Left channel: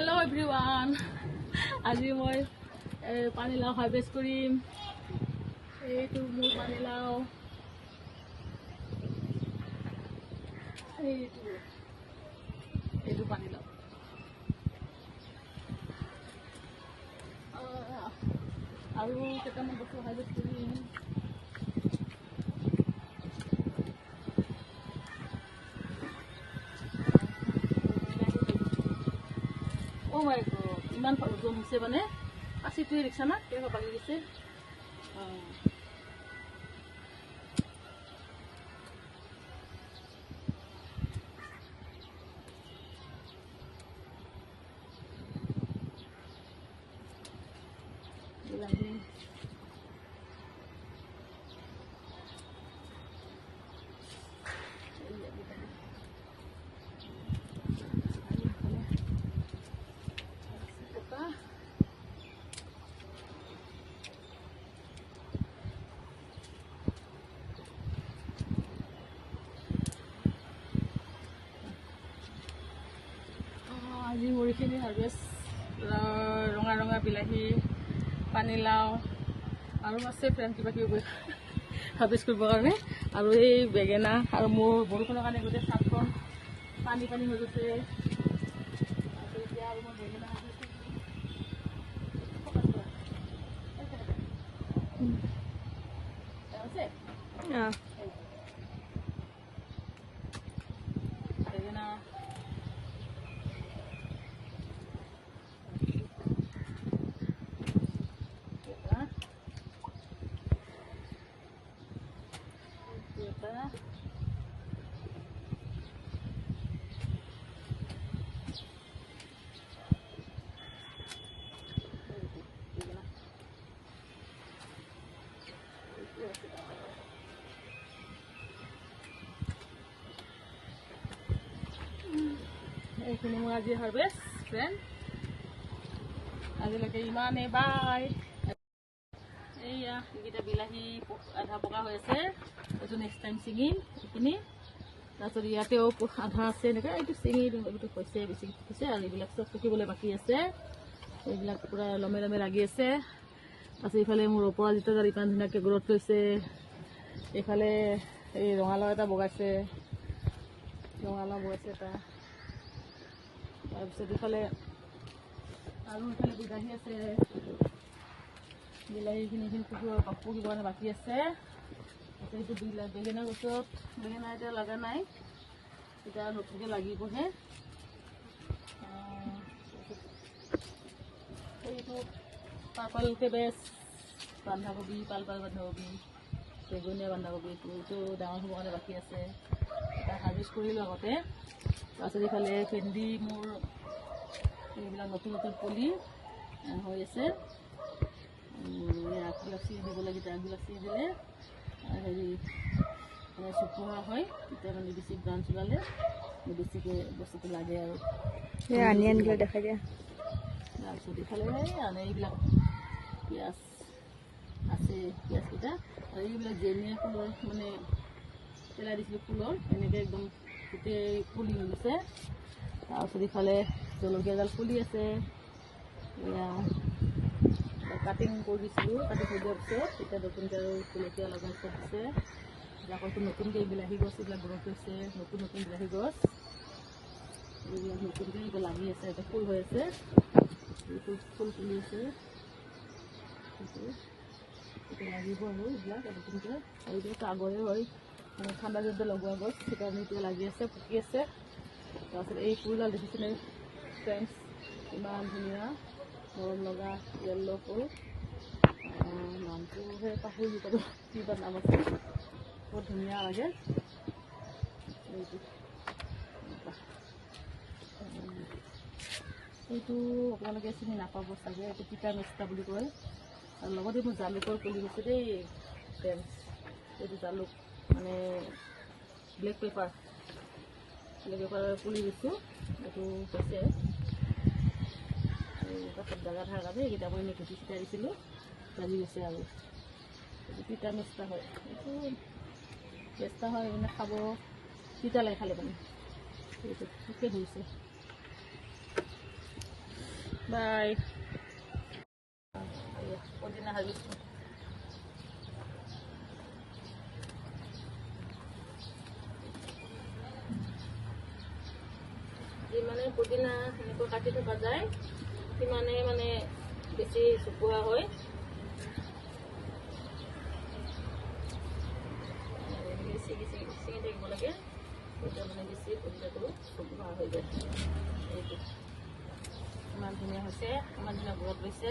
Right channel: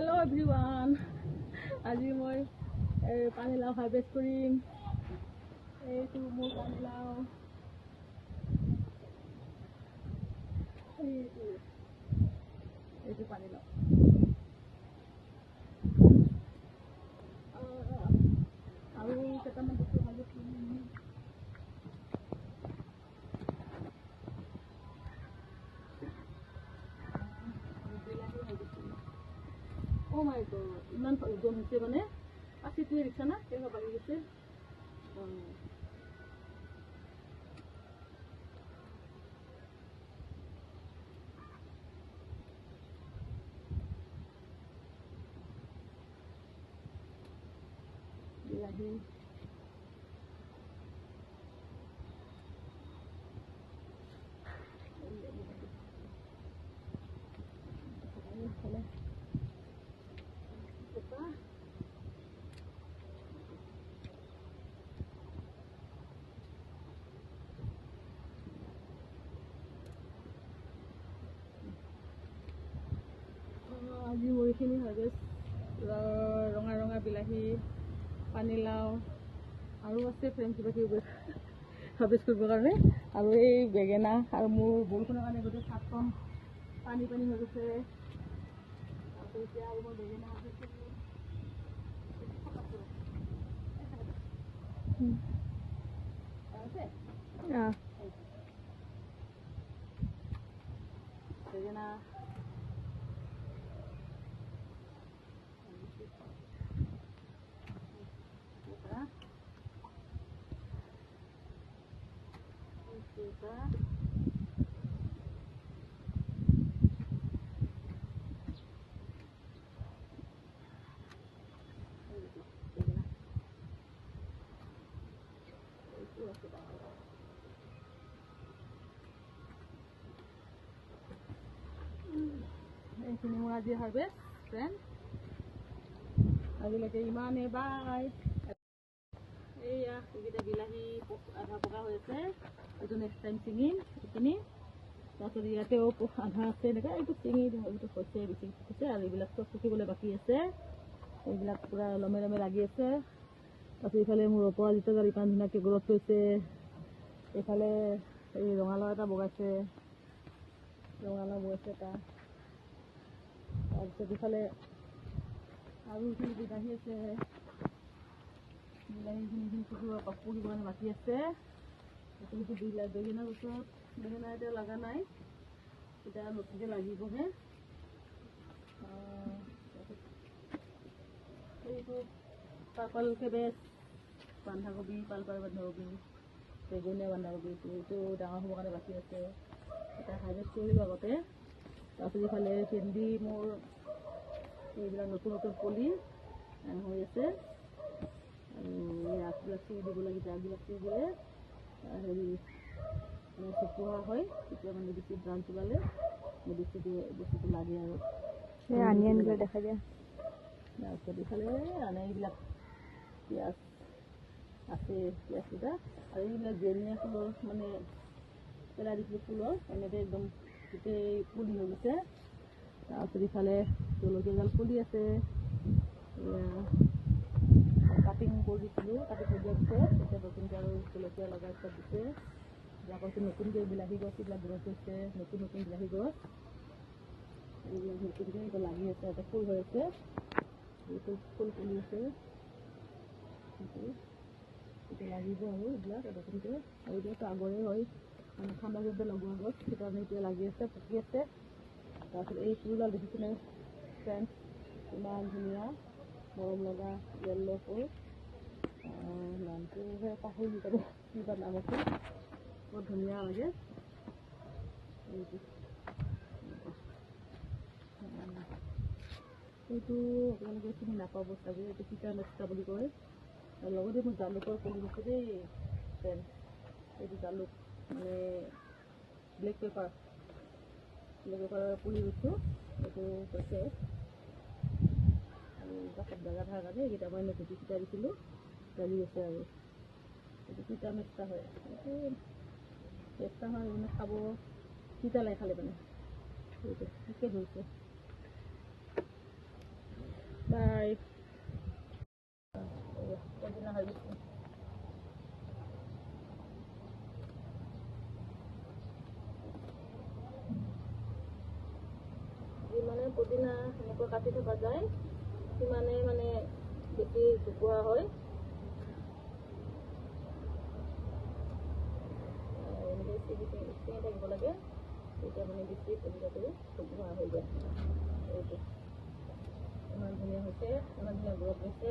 Hello everyone. আজি মই পানীলাও হাৰ্ভেষ্ট কৰিম। এইটো মোৰ পানীলাও। এইটো পানীলাও। আৰু কেইটামান বস্তু হাৰ্ভেষ্ট কৰিম। Oh my god, ইমান ওজন হৈছে মানে আছিটোৱে দেখিছা না কেনেকুৱা বাঢ়ি গৈছে। বিলাহী আজি মুড়িখিনি হাৰ্ভেষ্ট ৰঙা ৰঙা বিলাহী পানীলাও আৰু আছে ফ্ৰেণ্ড কিবা কিবি হাৰ্ভেষ্ট কৰিবৰ কাৰণে আৰু এই বেঙেনা আৰু মোৰ বৰষুণৰ কাৰণে গোটেই চাটখন পানী পানী হৈ গৈছে। আৰু এতিয়া আৰু মই বেঙেনা হাৰ্ভেষ্ট বেঙেনা এইখিনি মোৰ আজি হাৰ্ভেষ্ট ফ্ৰেণ্ড। আজিলৈকে ইমানেই বাই। এইয়া এইকেইটা বিলাহী আধা পকা হৈ আছে, এইটো নেক্সট টাইম ছিঙিম এইখিনি। তাৰপিছত ইয়াতেও আধা আছে এনেকৈ এইটো ছিঙি দিওঁ। এইটো হৈছে বেছি হৈছে আৰু এইবিলাক চব পকিবলৈ বাকী আছে। এইবিলাক পূৰা লমে লমে লাগি আছে। তাৰপিছত এইফালে মোৰ ওপৰত যিটো ইমান ধুনীয়াকৈ গ্ৰ'থ লৈছে। এইফালে এই ৰঙালাও এটা বগাইছে এটা। তাৰপিছত ইফালে আৰু ইফালে বিলাহী আছে। বিলাহীখিনি পকিবৰ কাৰণে বাকী আছে। এইটো বেঙেনা গছত বেঙেনা এতিয়া লগা নাই, এতিয়া নতুনকৈ লাগিবহে। এইটো পাৰ্পল কেবেজ বন্ধাকবি, পাৰ্পল বন্ধাকবি, বেগুনীয়া বন্ধাকবি এইটো ডাঙৰ হ'বৰ কাৰণে বাকী আছে। এটা হাৰ্ভেষ্ট কৰিলোঁ আগতে। তাৰপিছত ইফালে ভেন্দি মোৰ এইবিলাক নতুন নতুন পুলি হৈ আছে। আগবিলাক চিঙি দিব লাগে, আগবিলাক চিঙি দিলে হেৰি মানে চপোৱা হয়, তেতিয়া মানে বেছি ব্ৰাঞ্চ ওলালে বেছিকৈ বস্তুটো লাগে আৰু আনি আনিলে দেখা যায়। তাৰপিছত ইফালে এইবিলাক পিঁয়াজ আছে, পিঁয়াজকেইটা আৰু এইবিলাক জেনিয়া ফুলৰ মানে পেলাই দিছিলোঁ ফুলৰ এনেকৈ একদম গোটেই পুলি হৈ গৈছে। তাৰপিছত ইফালে জলকীয়া এডাল ফুলি আছে। এয়া কাটিং কৰি দিছিলোঁ, কাটিং কৰি দিয়াৰ পিছত এতিয়া নতুনকৈ আৰু জলকীয়া লগাৰ পিছত দিছে। আকৌ নতুনকৈ বিলাহী গছ এইবিলাক গ্ৰ'থ হৈছে, নতুন নতুন বিলাহী গছ এইবিলাক নতুনকৈ এতিয়া লাগি আছে, এটা ফুল হৈ আছে, ফুল ফুলি আছে। এতিয়া লাগিব আৰু এইবিলাক নতুনকৈ। আৰু এতিয়াতো আগৰে হয় মানে ঠাণ্ডা দিনতে লগোৱা গছ, সেইকাৰণে এতিয়া লাগি আছে, পকি আছে। তাৰপিছত এই ফুলডাল দেখিছেনে ফ্ৰেণ্ডছ, ইমান ধুনীয়া মৰম লগা য়েল্ল' ফুল। নামটোহে পাহৰি গ'লোঁ, কিবা নাম আছে, বহুত ধুনীয়া লাগে। এইটো আপোনালোকে চিনি নাপাব চাগে, এইটো তিতা মেষ্টা বুলি কয়। আৰু লগতে মোৰ জালুকৰ পুলি গৈছে দেই ফ্ৰেণ্ডছ। এইটো জালুক মানে ব্লেক পেপাৰ পুলি দিছোঁ। এইটো হৈছে কাষত জাগা থকাৰ কাৰণে এইকেইটা মই এনেই গুটি চিটাই দিছিলোঁ, লাগি গৈছে। আৰু এইটো তিতা মেষ্টা হয়, এইটো মেষ্টা হয় মানে খাব তিতা লাগে খালে মানে। এইটো ঠিকে ধৰিছে। বাই। পুদিনা হাৰিছোঁ। যিমানে পুদিনা এনেকৈ কাটি থকা যায় সিমানেই মানে বেছি চুকুহা হয়। এনেকৈ ছিঙি থাকিব লাগে, তেতিয়া মানে বেছি পুদিনাটো চুকুহা হৈ যায়। এইটো ইমান ধুনীয়া হৈছে, ইমান ধুনীয়া গোন্ধ হৈছে।